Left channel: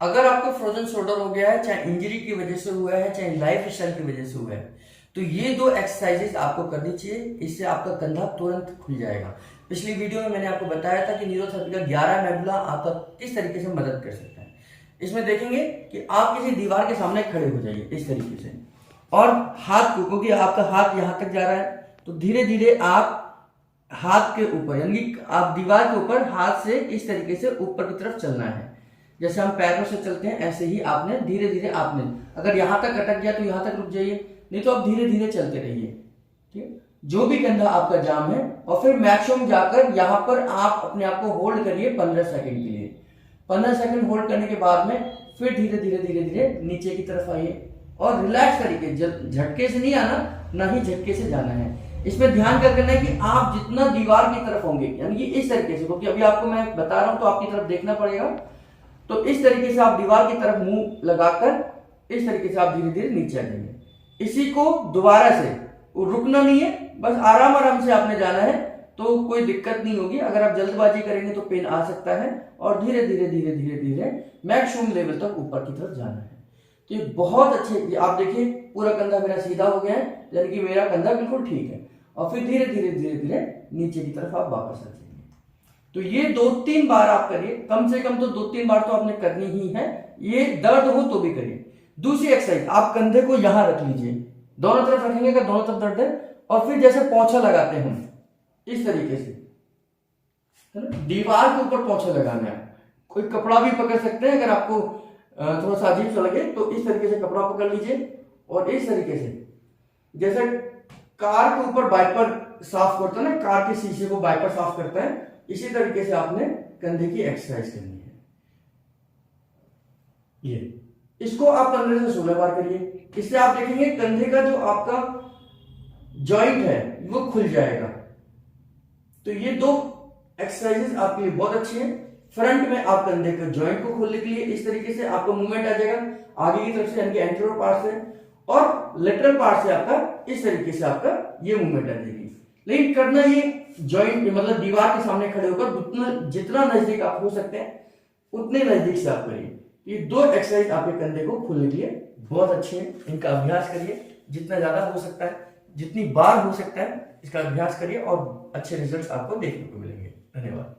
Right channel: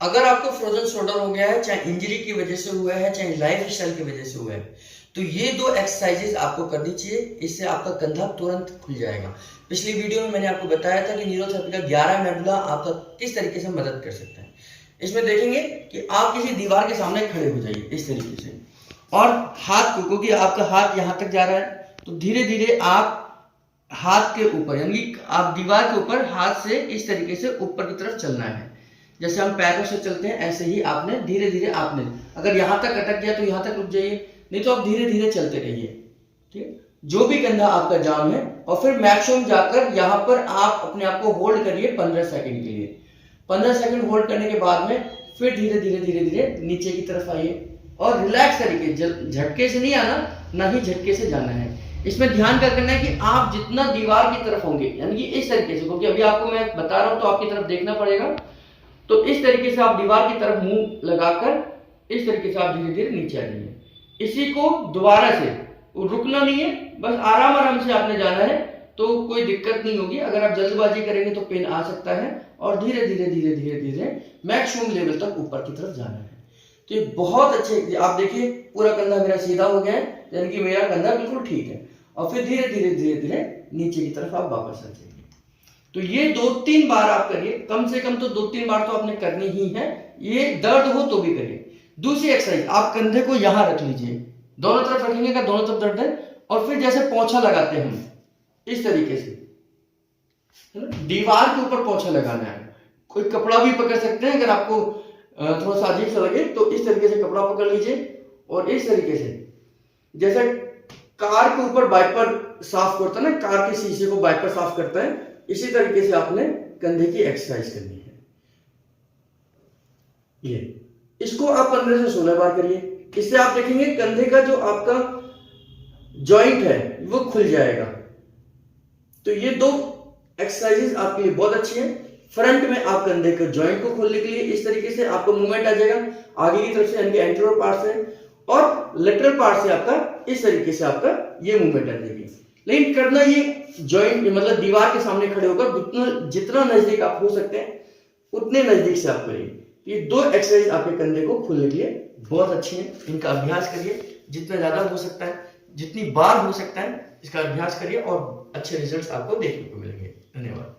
अगर आपको frozen shoulder हो गया है, चाहे इंजरी की वजह से हुआ है, चाहे लाइफ स्टाइल की वजह से हुआ है, तो ये दो एक्सरसाइजेस आपको करनी चाहिए। इससे आपका कंधा तुरंत खुल जाएगा। पिछली वीडियो में मैंने आपको बताया था कि न्यूरोथेरेपी का 11 मेडुला आपका किस तरीके से मदद कर सकता है। इसमें देखेंगे कि आप किसी दीवार के सामने खड़े हो जाइए इस तरीके से, और हाथ को, क्योंकि आपका हाथ यहाँ तक जा रहा है, तो धीरे धीरे आप हाथ के ऊपर, यानी आप दीवार के ऊपर हाथ से इस तरीके से ऊपर की तरफ चलना है। जैसे हम पैरों से चलते हैं ऐसे ही आपने धीरे धीरे, आपने अगर यहाँ तक अटक गया तो यहाँ तक रुक जाइए, नहीं तो आप धीरे धीरे चलते रहिए। ठीक है, जो भी कंधा आपका जाम है, और फिर मैक्सिमम जाकर यहाँ पर आप अपने आप को होल्ड करिए 15 सेकंड के लिए। 15 सेकंड होल्ड करने के बाद में फिर धीरे धीरे धीरे धीरे नीचे की तरफ आइए, और रिलैक्स तरीके, झटके से नहीं आना, ना ही झटके से जाना है। इसमें ध्यान क्या करना है कि आप जितना दीवार की तरफ होंगे, यानी कि इस तरीके से, क्योंकि अभी आपको मैं बता रहा हूं तो आपकी तरफ देखना पड़ेगा, तो इस तरीके से आप दीवार की तरफ मुंह लगाकर इस तरीके से आप धीरे धीरे नीचे आ जाइए। इसी को दोबारा से, रुकना नहीं है, बस आराम आराम से आपने जाना है, तो कोई दिक्कत नहीं होगी। अगर आप जल्दबाजी करेंगे तो पेन आ सकता है, और धीरे धीरे धीरे धीरे धीरे मैक्सिमम लेवल तक ऊपर की तरफ जाना है। तो ये बहुत अच्छे, आप देखिए पूरा कंधा मेरा सीधा हो गया है, यानी कि मेरा कंधा बिल्कुल ठीक है। और फिर धीरे धीरे धीरे धीरे नीचे की तरफ आप वापस आ जाइए। तो ये 2-3 बार आप करिए, कम से कम तो 2-3 बार तो आपने करनी ही है। ये दर्द हो तो भी करिए। दूसरी एक्सरसाइज, आप कंधे को यहां रख लीजिए, दोनों तरफ रखेंगे, अगर दोनों तरफ दर्द है, और फिर जैसे पोंछा लगाते हैं हम इस तरीके से, है ना, दीवार के ऊपर पोंछा लगाना है। कोई कपड़ा भी पकड़ सकते हैं, अगर आपको थोड़ा सा अजीब सा लगे तो इस तरीके से कपड़ा पकड़ लीजिए, और इस तरीके से, जैसे कार के ऊपर वाइपर साफ करता है ना, कार के शीशे को वाइपर साफ करता है, इसी तरीके से आपने कंधे की एक्सरसाइज करनी है। ये इसको आप 15 से 16 बार करिए। इससे आप देखेंगे कंधे का जो आपका जॉइंट है वो खुल जाएगा। तो ये दो एक्सरसाइजेस आपके लिए बहुत अच्छी है। फ्रंट में आप कंधे के जॉइंट को खोलने के लिए इस तरीके से आपका मूवमेंट आ जाएगा आगे की तरफ से, यानी कि एंटीरियर पार्ट से, और लेटरल पार्ट से आपका इस तरीके से आपका ये मूवमेंट आ जाएगी। लेकिन करना ये जॉइंट, मतलब दीवार के सामने खड़े होकर जितना नजदीक आप हो सकते हैं उतने नजदीक से आप करिए। ये दो एक्सरसाइज आपके कंधे को खोलने के लिए बहुत अच्छे हैं। इनका अभ्यास करिए, जितना ज्यादा हो सकता है, जितनी बार हो सकता है इसका अभ्यास करिए, और अच्छे रिजल्ट्स आपको देखने को मिलेंगे। धन्यवाद।